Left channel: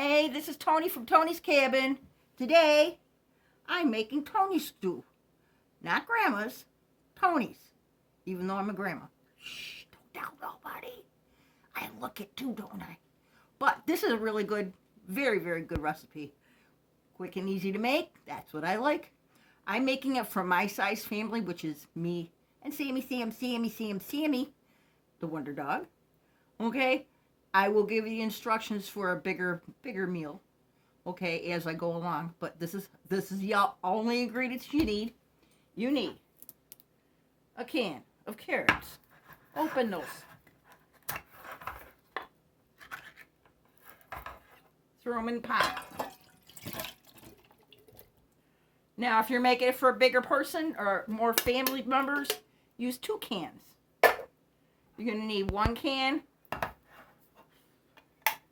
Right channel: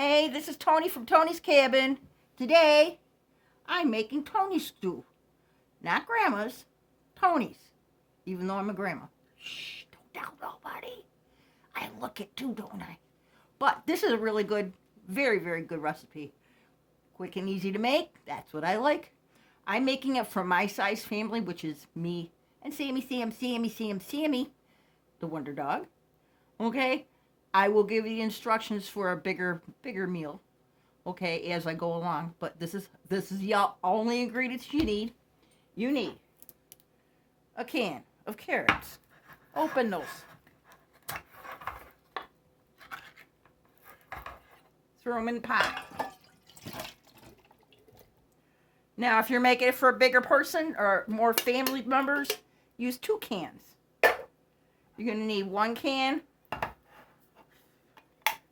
Hey, this is Tony from Tony's Cabin. Today, I'm making Tony's stew. Not Grandma's, Tony's. Even though I'm a grandma. Shh, don't tell nobody. I look it too, don't I? But this is a really good, very, very good recipe. Quick and easy to make. That's what I like. I'm making it for my size family, which is me and Sammy, the Wonder Dog. Okay? I will give you the instructions for a bigger meal, okay, as I go along. But this is the only ingredients you need. You need a can of carrots. Open those. Throw them in the pot. Now, if you're making it for a bigger person or more family members, use 2 cans. You're going to need 1 can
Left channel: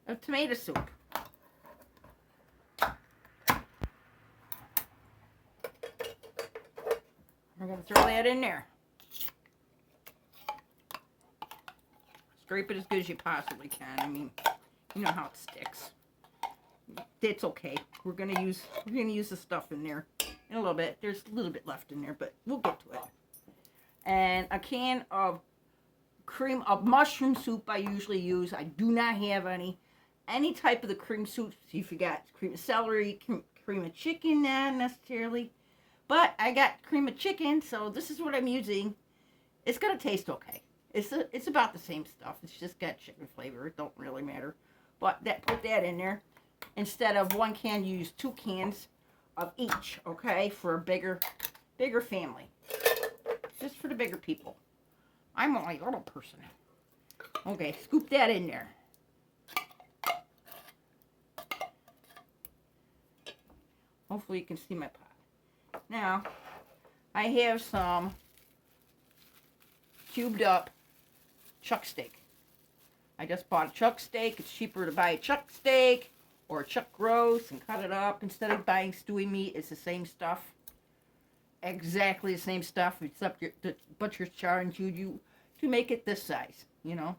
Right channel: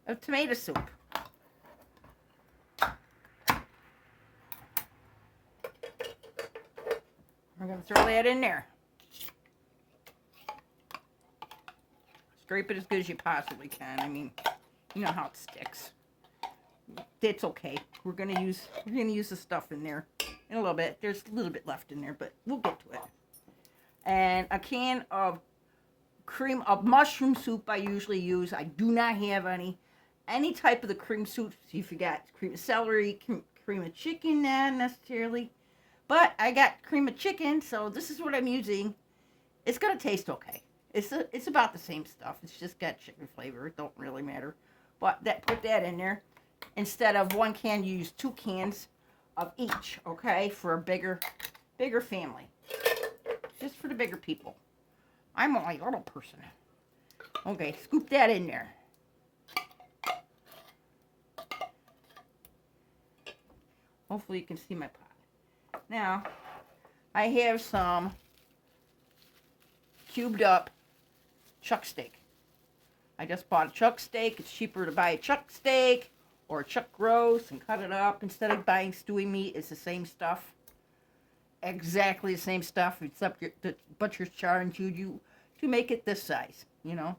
of tomato soup. We're going to throw that in there. Scrape it as good as you possibly can. I mean, you know how it sticks. It's okay. We're gonna use the stuff in there in a little bit. There's a little bit left in there, but we'll get to it. And a can of cream of mushroom soup I usually use. I do not have any type of the cream soup. So if you got cream of celery, cream of chicken, not necessarily. But I got cream of chicken, so this is what I'm using. It's gonna taste okay. It's about the same stuff. It's just got chicken flavor. It don't really matter. But put that in there. Instead of 1 can, you use 2 cans of each, okay? For a bigger family. Just for the bigger people. I'm only a little person. Okay, scoop that in there. Hopefully you can see my pot. Now, I have some cubed up chuck steak. I just bought a chuck steak. It's cheaper to buy a chuck steak or a chuck roast and cut it up instead of buying stewy meat. It's the same stuff. Exactly the same stuff, except the butcher's charging you to make it this size, you know.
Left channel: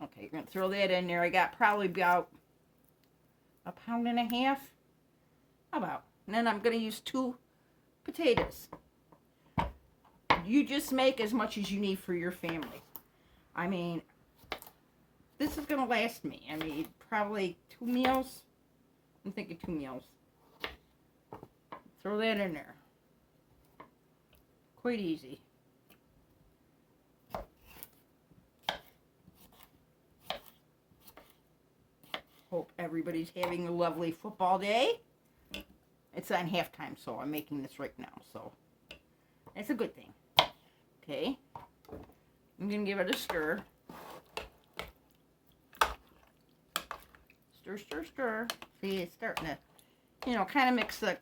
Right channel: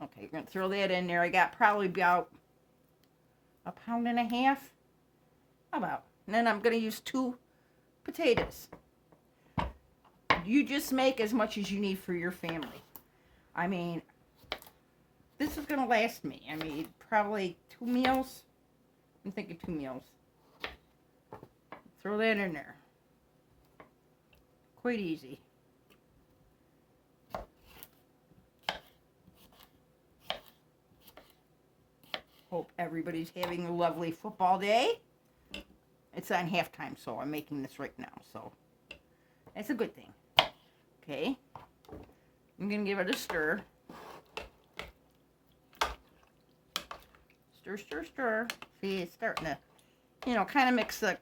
Okay, you're going to throw that in there. I got probably about 1.5 pounds. About. And then I'm going to use 2 potatoes. You just make as much as you need for your family. I mean, this is going to last me. I need probably 2 meals. I'm thinking 2 meals. Throw that in there. Quite easy. Hope everybody's having a lovely football day. It's on halftime, so I'm making this right now. So that's a good thing. Okay. I'm going to give it a stir. Stir. See, it's starting to, kind of mix the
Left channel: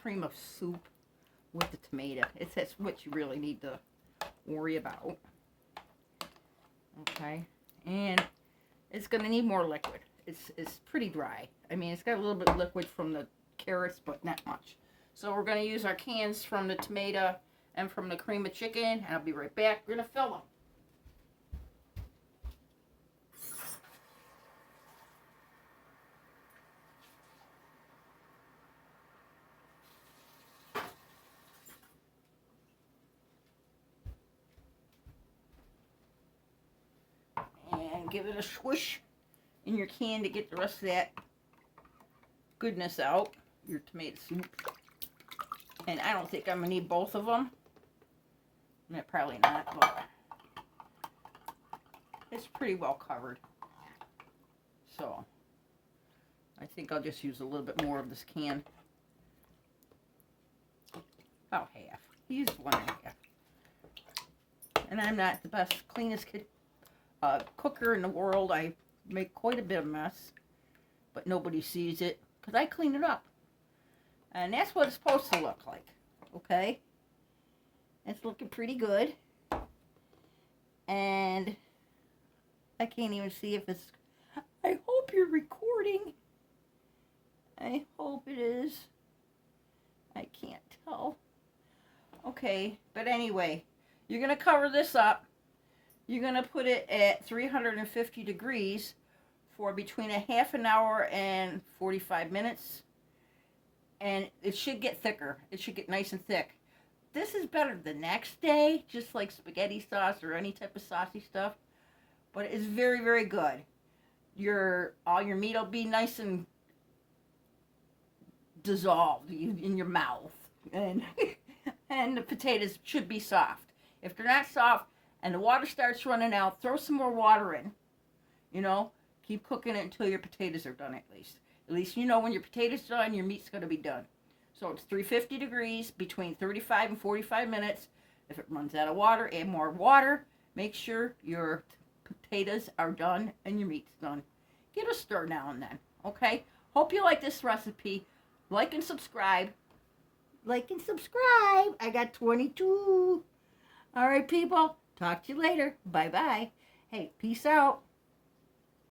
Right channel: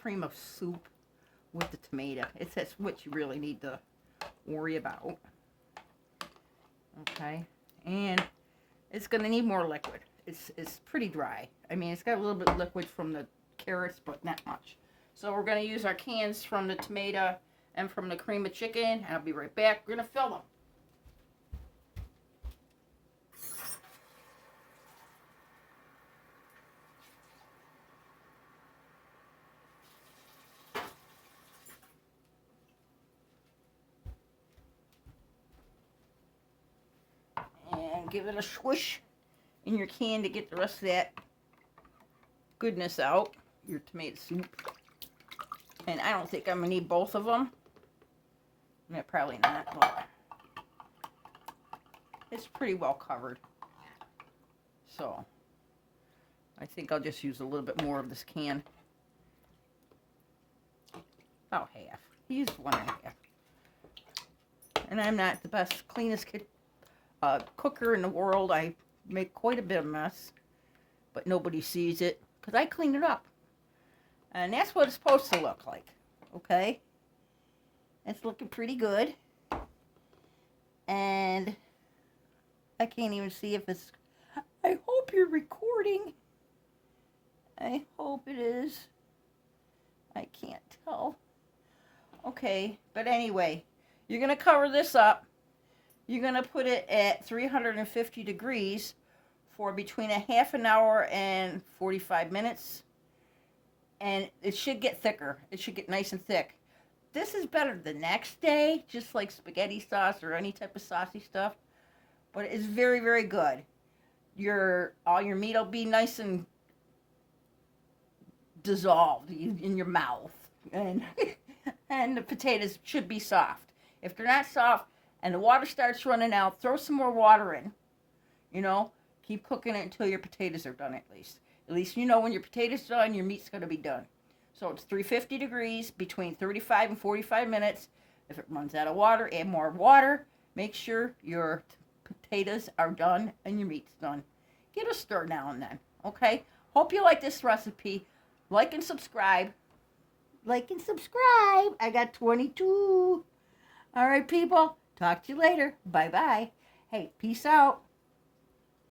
cream of soup with the tomato. That's what you really need to worry about. Okay. And it's going to need more liquid. It's pretty dry. I mean, it's got a little bit of liquid from the carrots, but not much. So we're going to use our cans from the tomato and from the cream of chicken. And I'll be right back. We're going to fill them. And give it a swish in your can to get the rest of that goodness out, your tomato soup. And I don't think I'm going to need both of them. Probably not, but it's pretty well covered. So, I think I'll just use a little bit more of this can. About half. Use 1.5. And I'm not the best, cleanest cooker in the world. I make quite a bit of mess, but nobody sees it because I clean it up. And that's what it's supposed to look like. Okay? It's looking pretty good. And I can't even see if it's... I hope you're recording. I hope it is. I can't tell. Okay, but anyway, you're going to cover this up. You're going to put it at 350 degrees for between a half an hour and 45 minutes. And it should get thicker. It should get nice and thick. This is better the next day, just like spaghetti sauce or any type of saucy stuff. But it's very, very good. All your meat will be nice and dissolved in your mouth. And and the potatoes should be soft. If they're not soft and the water starts running out, throw some more water in. You know, keep cooking it until your potatoes are done at least. At least you know when your potatoes are done, your meat's going to be done. So it's 350 degrees between 35 and 45 minutes. If it runs out of water, add more water. Make sure your potatoes are done and your meat's done. Give it a stir now and then, okay? Hope you like this recipe. Like and subscribe. Like and subscribe. I got 22. All right, people. Talk to you later. Bye-bye. Hey, peace out.